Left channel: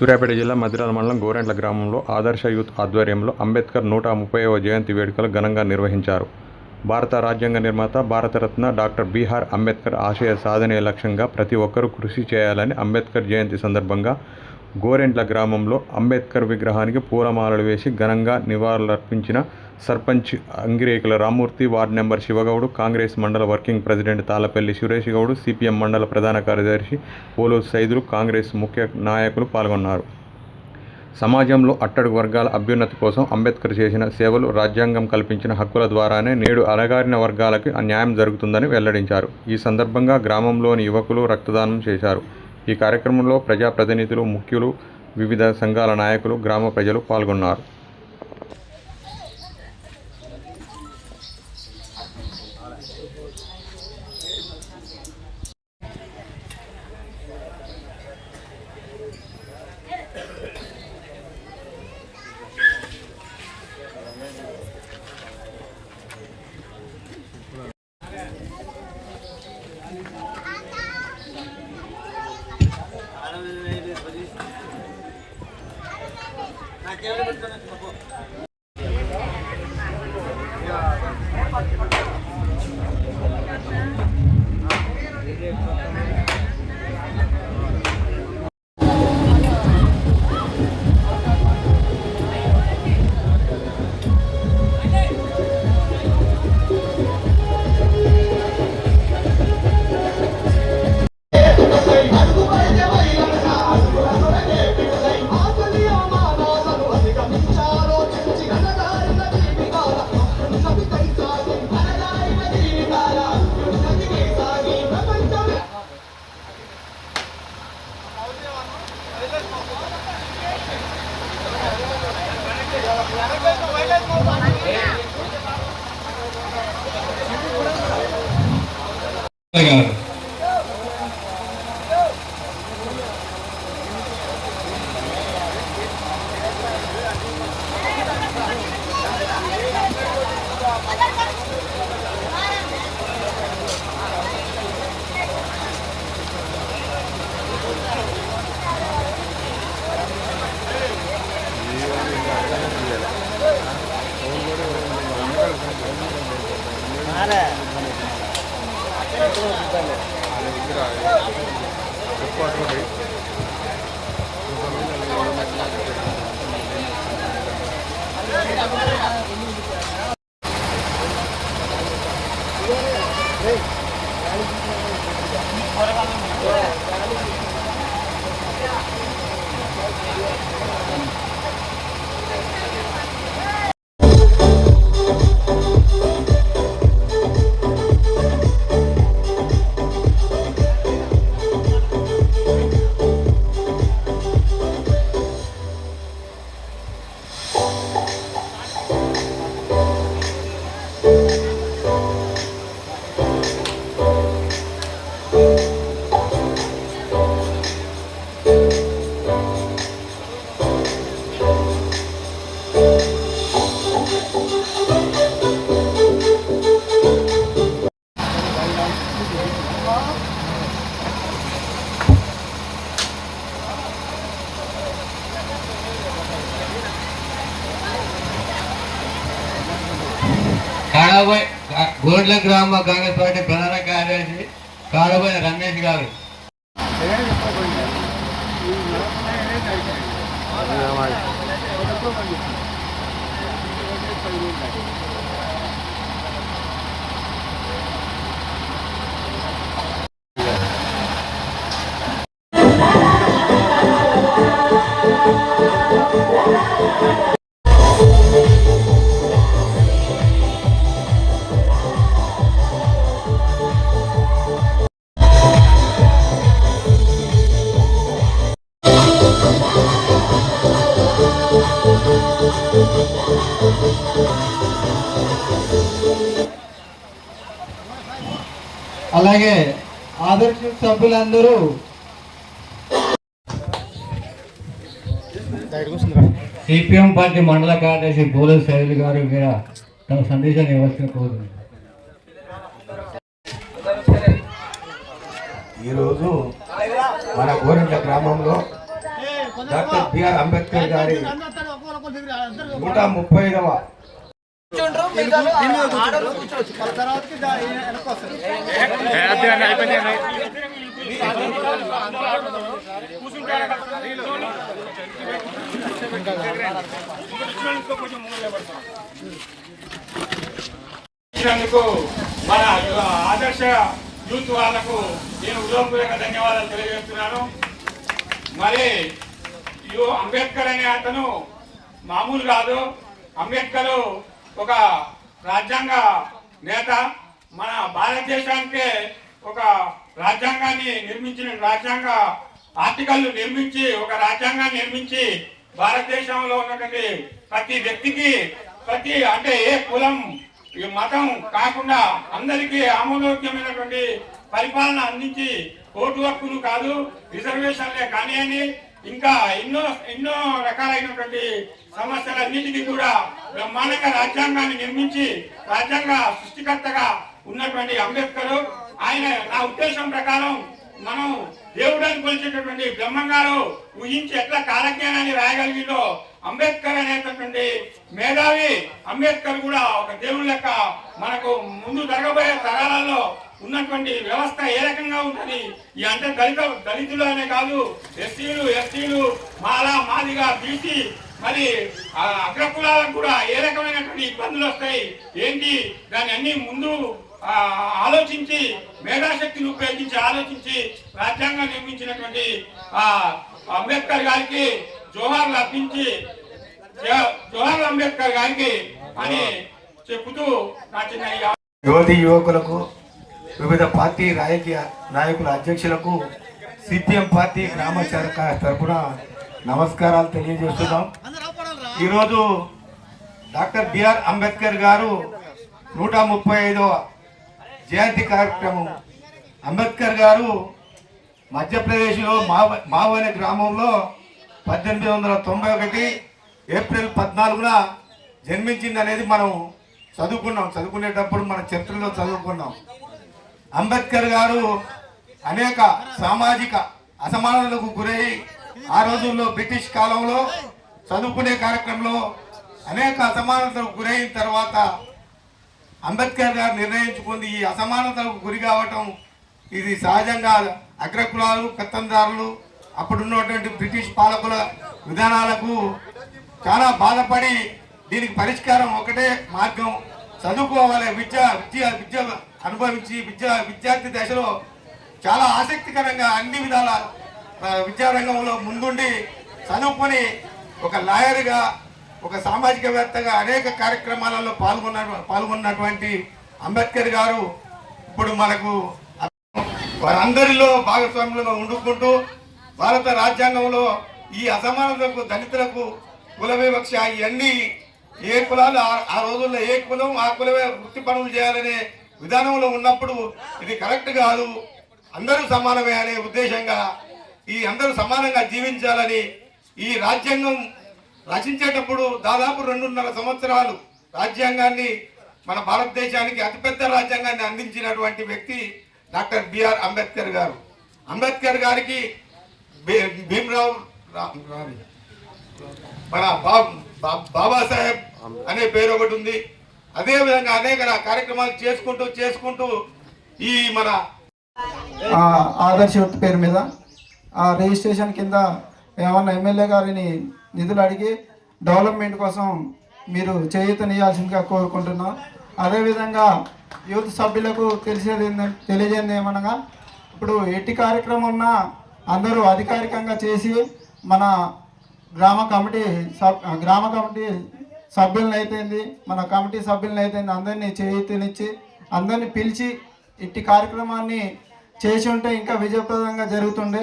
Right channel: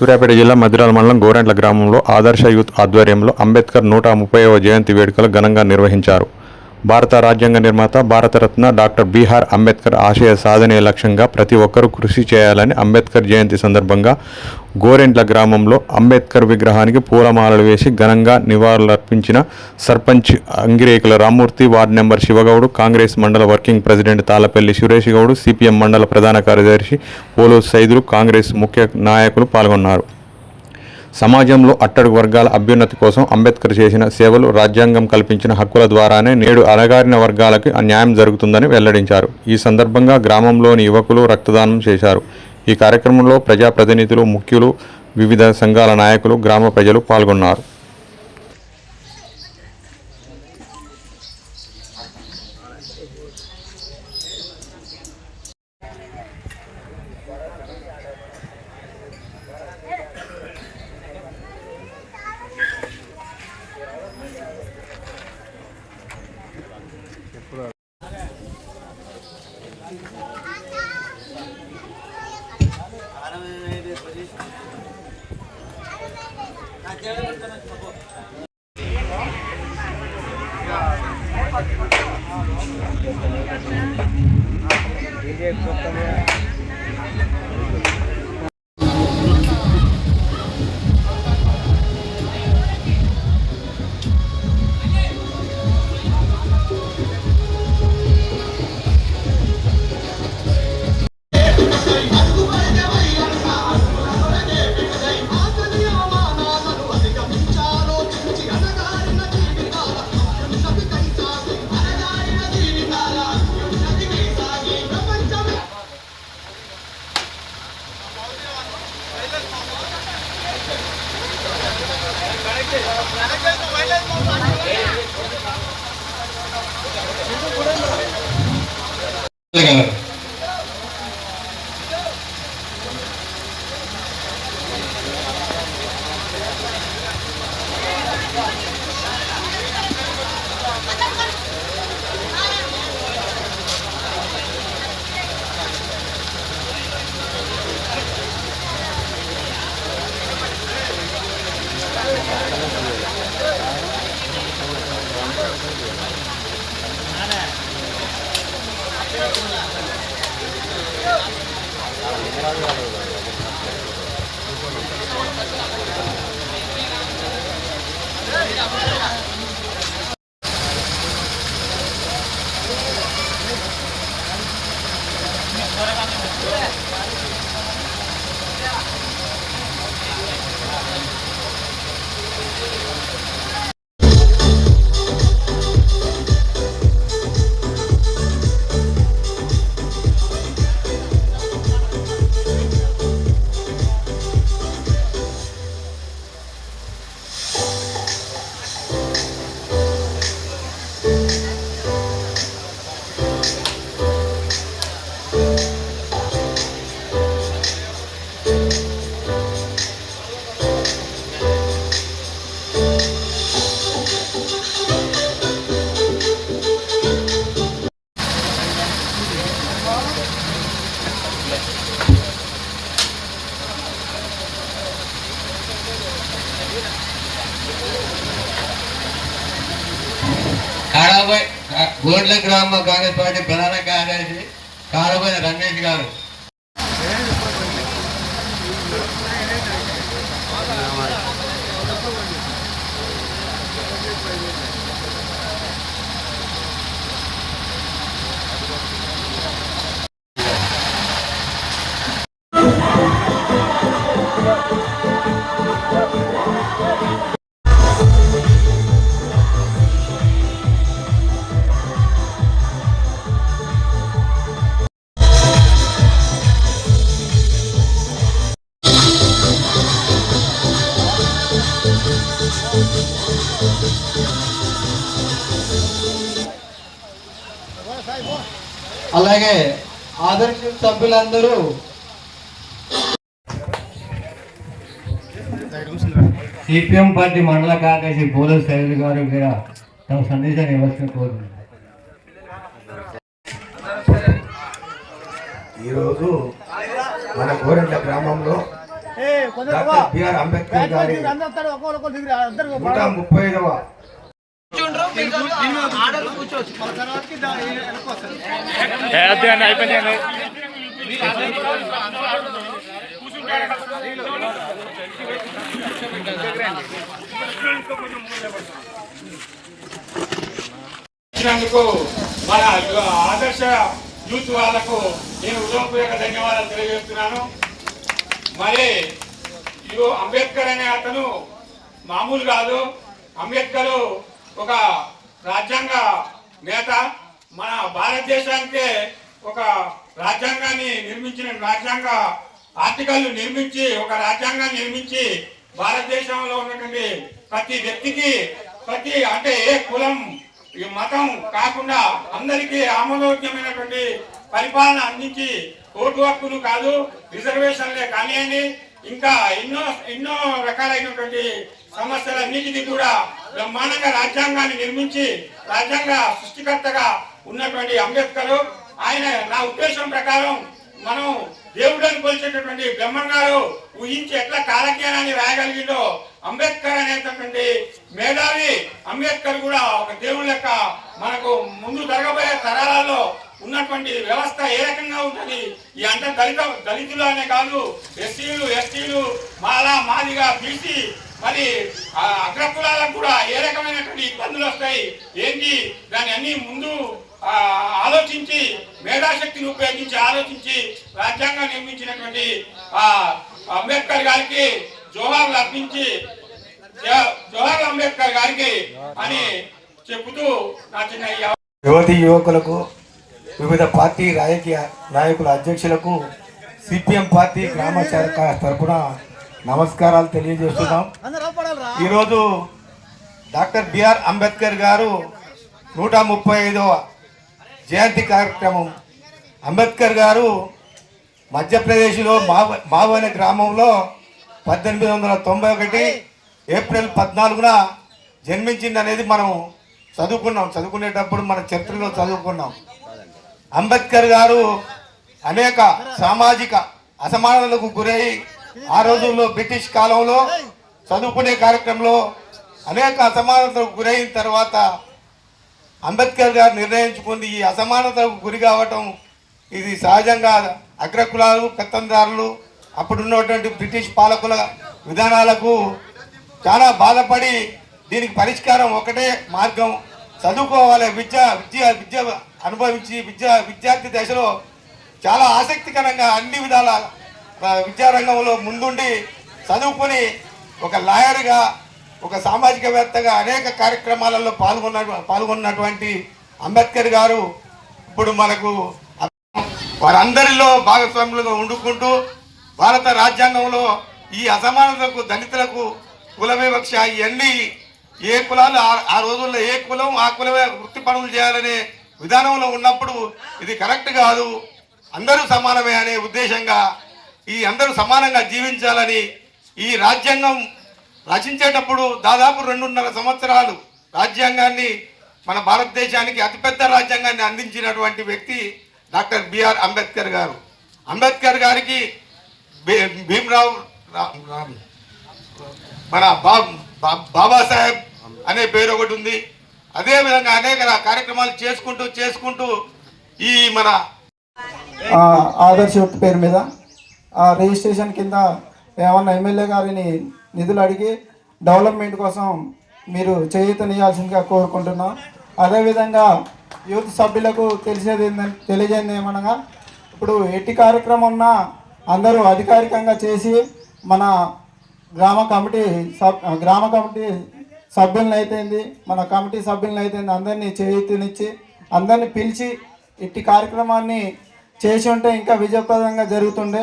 సూర్యాపేట జిల్లా మధిరాల మండలం గోరెంట్ల గ్రామంలో ఆదర్శ యూత్ ఆధ్వర్యంలో అంబేద్కర్ 130వ జయంతి వేడుకలు ఘనంగా నిర్వహించారు. భారత రాజ్యాంగ నిర్మాత భారతరత్న డాక్టర్ బిఆర్ అంబేద్కర్ ఆశయ సాధనే లక్ష్యంగా ప్రతి ఒక్కరూ కృషి చేయాలని అంబేద్కర్ జయంతి సందర్భంగా గోరెంట్ల గ్రామంలో అంబేద్కర్ విగ్రహానికి పూలమాలలు వేసి ఘనంగా నివాళులర్పించిన సర్పంచ్ అంగిరేకుల రామ్మూర్తి, వార్డు నెంబర్ శివగౌడ్, కాంగ్రెస్ మండల working president Tallapalli Suresh Goud, CPM మండల ప్రధాన కార్యదర్శి పోలు సైదులు, కాంగ్రెస్ ముఖ్య నాయకులు పాల్గొన్నారు. సమాజంలో అట్టడుగు వర్గాల అభ్యున్నతి కోసం అంబేద్కర్ చేసిన సేవలు, రాజ్యాంగం కల్పించిన హక్కుల ద్వారానే నేడు అణగారిన వర్గాలకు న్యాయం జరుగుతుందని వెల్లడించారు. ఈ సందర్భంగా గ్రామంలోని యువకులు రక్తదానం చేశారు. ఈ కార్యక్రమంలో ప్రజాప్రతినిధులు, ముఖ్యులు, వివిధ సంఘాల నాయకులు, గ్రామ ప్రజలు పాల్గొన్నారు. గోడ్ల గ్రామ కాంగ్రెస్ పార్టీ ప్రధాన కార్యదర్శి కాడబోయిన రమేష్ గారు. అలాగే ఆదర్శ సభ్యులందరూ సిపిఎం పార్టీ మండల కార్యదర్శి పోలు సైదులు గారు తమ సందేశాన్ని ఇవ్వాల్సిన కోరుతున్నారు. ఈరోజు మన గోరెంట్ల గ్రామంలో డాక్టర్ బిఆర్ అంబేద్కర్ గారి 135వ ఇచ్చినందుకు మన ఆదర్శ యూత్ వాళ్లకు నేను హృదయపూర్వక ధన్యవాదాలు తెలియజేస్తున్నాను. మరి అంబేద్కర్ అనే అతను మామూలు కాదు. అంబేద్కర్ ఒక రాజ్యాంగ నేత. మన భారతదేశానికే ఒక రాజ్యాంగాన్ని నిర్మించిన రాజ్యాంగ ఆర్టికల్ నిర్మించి ఒక రాజ్యాంగాన్ని నిర్మించి భారతదేశంలో ఉన్నటువంటి ప్రతి వ్యక్తికి అంటే ఏ కులం ఈ మతం కాకుండా అందరికీ ఆమోదయోగ్యమైనటువంటి పరిపాలన అందించి ఓటు హక్కులు కాదు రిజర్వేషన్లే కానివ్వండి ఇంకా ఎన్నో రకాలైనటువంటి సమస్యలన్నిటికీ కూడా బ్రహ్మాండంగా రాజ్యాంగాన్ని నిర్మించి రాజ్యాంగ సృష్టికర్తగా ఉన్నటువంటి అంబేద్కర్ ఆయన నా ఉద్దేశం ప్రకారం మనం దేవుడని కొలిచేటటువంటి బ్రహ్మంగారు ఊహించి ఎట్లా కాలజ్ఞానాన్ని రాయగలిగిందో అంబేద్కర్ అనేటటువంటి మేధావి అంబేద్కర్ కూడా ఒక దేవుడి లెక్క మనకు ముందు జరగబోయే తరాలలో ఉన్నటువంటి వ్యవస్థ ఏ రకంగా ఉంటుంది ఈ అంటే దళితులు అనే కాదు ఎస్టీలు మాదిగా బీసీ మరి అగ్రకులాలకు కూడా ఏ రకమైనటువంటి ఇబ్బందులు వస్తాయి ఏంటి దాన్ని అన్ని ముందు ఆలోచించి మేధాశక్తిని ఉపయోగించి ఆలోచించి రాజ్యాంగం నిర్మించినటువంటి అంబేద్కర్ గారికి జోహార్లు అర్పించి జోహార్ అంబేద్కర్ గారికి అని చెబుతూ నా చిన్న యువతి యువకులకు వివిధ పార్టీ రాజకీయ నాయకుల అధ్యక్షులకు సిపిఎం పార్టీ గ్రామ శాఖ తరఫున నమస్కారాలు తెలియజేస్తున్నాం. ఈరోజు డాక్టర్ బిఆర్ అంబేద్కర్ గారు 135వ జయంతి కార్యక్రమం. అంబేద్కర్ గారు మధ్యప్రదేశ్లో మావ్ అనే గ్రామంలో 1891 ఏప్రిల్ 14న జన్మించింది అనేది మనం చదువుకునేటప్పుడు మన చరిత్రలో చదువుకున్నాం. అంబేద్కర్ గారు అనేక సామాజిక అసమానతలకు గురై ఆ రోజుల్లో బ్రిటిష్ కాలంలో చదువుకునే కార్యక్రమంలో అనేక అసమానతలకు గురైన తర్వాత అంబేద్కర్ గారు నిర్ణయించుకుంది ఈ అసమానతలకు గురి కావటం ఇది సహజంగా అగ్రకులాలు పెత్తందారులు అప్పుడున్నటువంటి బ్రిటిష్ పాలకుల విధానాలకు చాలా బాధపడి దీనికి పరిష్కారం ఒకటే మార్గం చదువుకోవాలి. విద్య అనుభవించి విద్యార్థి దశలో చాలా ఆసక్తికరంగా అన్ని విధాల విద్యారంగంలో ముందుండి చదువుకొని ఒక లాయర్గా ఒక సామాజికవేత్తగా అనేక కార్యక్రమాలలో పాల్గొన్నటువంటి అంబేద్కర్ గారు ఇప్పుడు మనకు వారందరిలో భాగస్వాములుగా ఉండుకుంటూ భారత రాజ్యాంగంలో ఈ అసమానతలకు దళితులకు కుల వివక్ష ఇవన్నీ ఏ కులాలు ఆ రోజుల్లో ఏ కులం ఆ కులమే వృత్తి పనులు చేయాలనే విధానంలో ఉన్నప్పుడు ఇది కరెక్ట్ కాదు, అందరూ సమానమే అనే ఉద్దేశంగా ఈ అందరూ సమానంగా జీవించాలని ఈ రాజ్యాంగం రచించేటప్పుడు దాదాపు 2.5 సంవత్సరాలు రాజ్యాంగాన్ని మన భారతదేశానికి అతిపెద్ద రాజ్యాంగాన్ని అందించినటువంటి వ్యక్తి డాక్టర్ బిఆర్ అంబేద్కర్ గారు. అంబేద్కర్ గారికి భీమ్రావ్ మన బాబాసాహెబ్ అనే పేరు ఒకటి ఉంది. అదేవిధంగా అనేక కార్యక్రమాలు చేసుకుంటూ ఈ మన ఆదర్శ యూత్ పేరు మీద రిజిస్ట్రేషన్ కింద ఏమన్నా ఎమ్మెల్యే గారిని నిధులు అడిగి డెవలప్మెంట్ కోసం మీరు చేయూతనియాల్సిందిగా కోరుకుంటున్నాం. అదేవిధంగా యూత్ సభ్యులకు తెలియజేది ఏమనగా ఇప్పుడు ఎట్టి కార్యక్రమం ఉన్నా అందరూ అధికారికంగా చేసి మన గ్రామ కమిటీ సభ్యులను అయితేంది మన కమిటీ సభ్యులను అయితేంది అందరినీ చేయూతనిచ్చి అందరినీ పిలిచి ఇట్టి కార్యక్రమాన్ని చేసి ఉంటే ఇంకా విజయప్రదంగా జరుగుతుండే.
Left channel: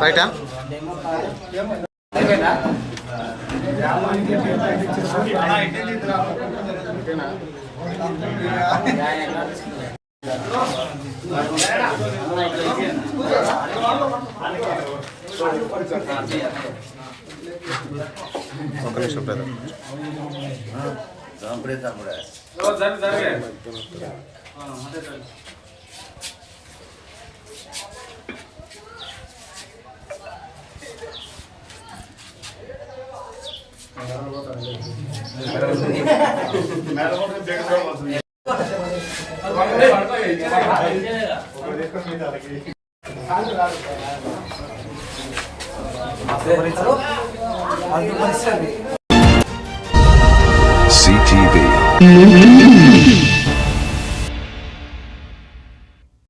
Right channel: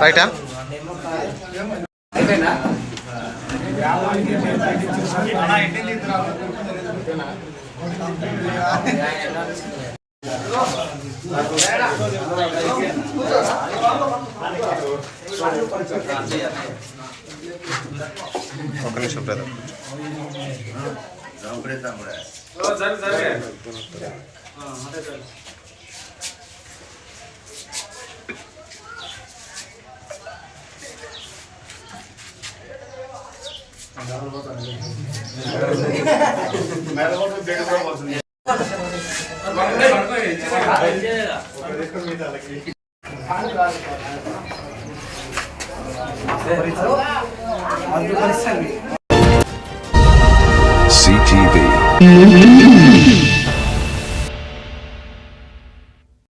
రైటా ఒక నిమిషం బ్రదర్ CTV.